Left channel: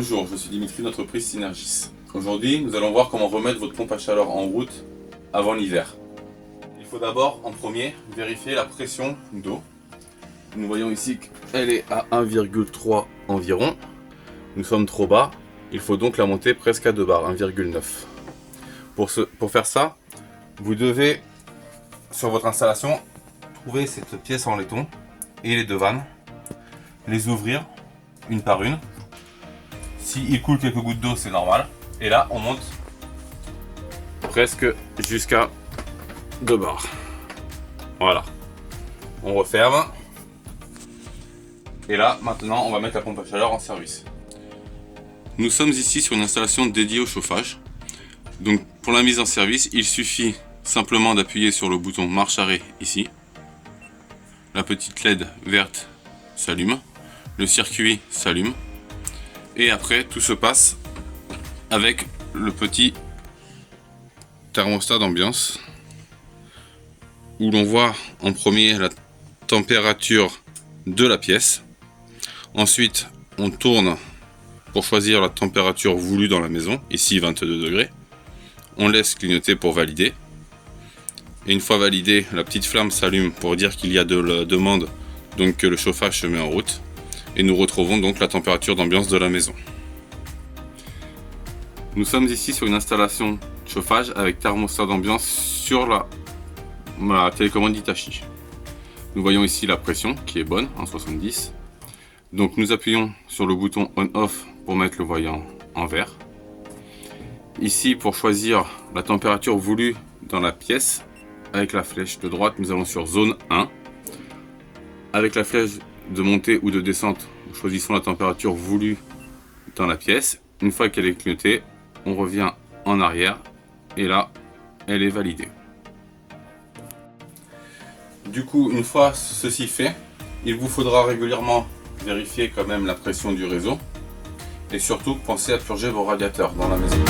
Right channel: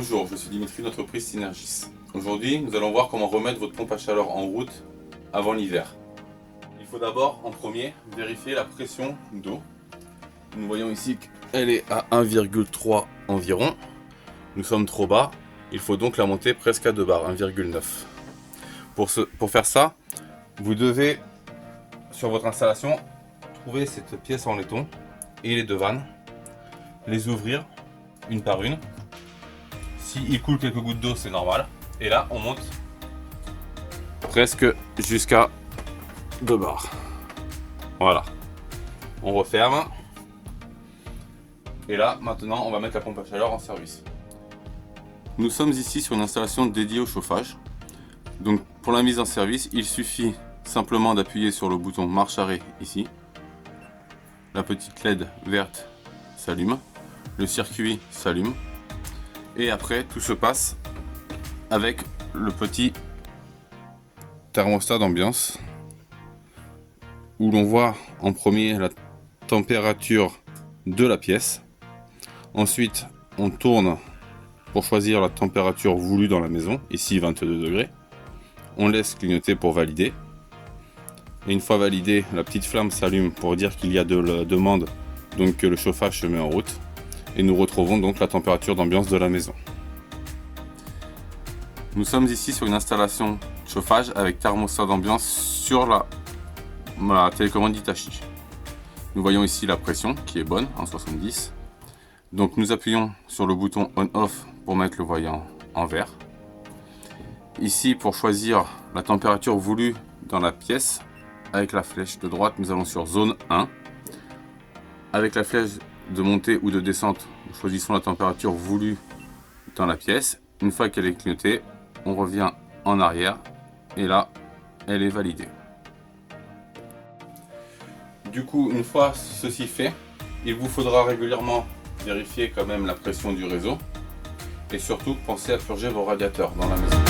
Bonjour, je suis Dimitri d'entreprise Synergis. Aujourd'hui, nous allons voir comment remettre votre pompe à chaleur en route avant l'hiver. Il faut d'abord, en premier, vérifier la pression d'eau. Nous voyons ici qu'elle est à 1,3 environ. Nous sommes trop bas, il faut donc la monter presque à 2 bars, 1,9. Pour faire ça, vous devez, sur votre installation, trouver cette pièce en laiton et les deux vannes, les ouvrir une par une. S'il coule quelques gouttes d'eau, c'est normal. Et là, on monte presque jusqu'à 2 bars. Voilà. On referme. Et là, maintenant, on va mettre la pompe à chaleur en service. Nous sommes ici sur une installation dédiée au chauffage. Donc, pour la mise en service, il suffit simplement d'appuyer sur le bouton marche-arrêt ici. La petite LED verte s'allume. Le circuit s'allume. Et après, tout se passe avec le petit thermostat d'ambiance où l'on voit en premier la température de la pièce. Ensuite, on tourne pour choisir la température voulue dans la maison, ici 22 degrés. On laisse clignoter pour valider. Et une fois validé, la petite flamme s'allume pour dire qu'il y a de la demande, donc que le chauffage se met en route. Et nous retrouvons donc la température d'ambiance de la maison. Nous sommes ici sur une installation chauffage avec thermostat d'ambiance sur la télécommande Hitachi. Nous voyons ici la pression qui est bonne en 70. Donc nous appuyons sur le bouton on-off pour mettre le voyant en vert. Ici pour choisir la température voulue dans la pièce, avec la flèche de droite nous allons sur zone 1. Avec la flèche de montée ou de descente, nous choisissons la température voulue dans la pièce. Une fois qu'elle est clignotée, on revient en arrière et là, elle est validée. Du coup, une fois ceci fait, il vous faudra régulièrement vérifier quand même la pression du réseau et surtout penser à purger vos radiateurs dans la maison.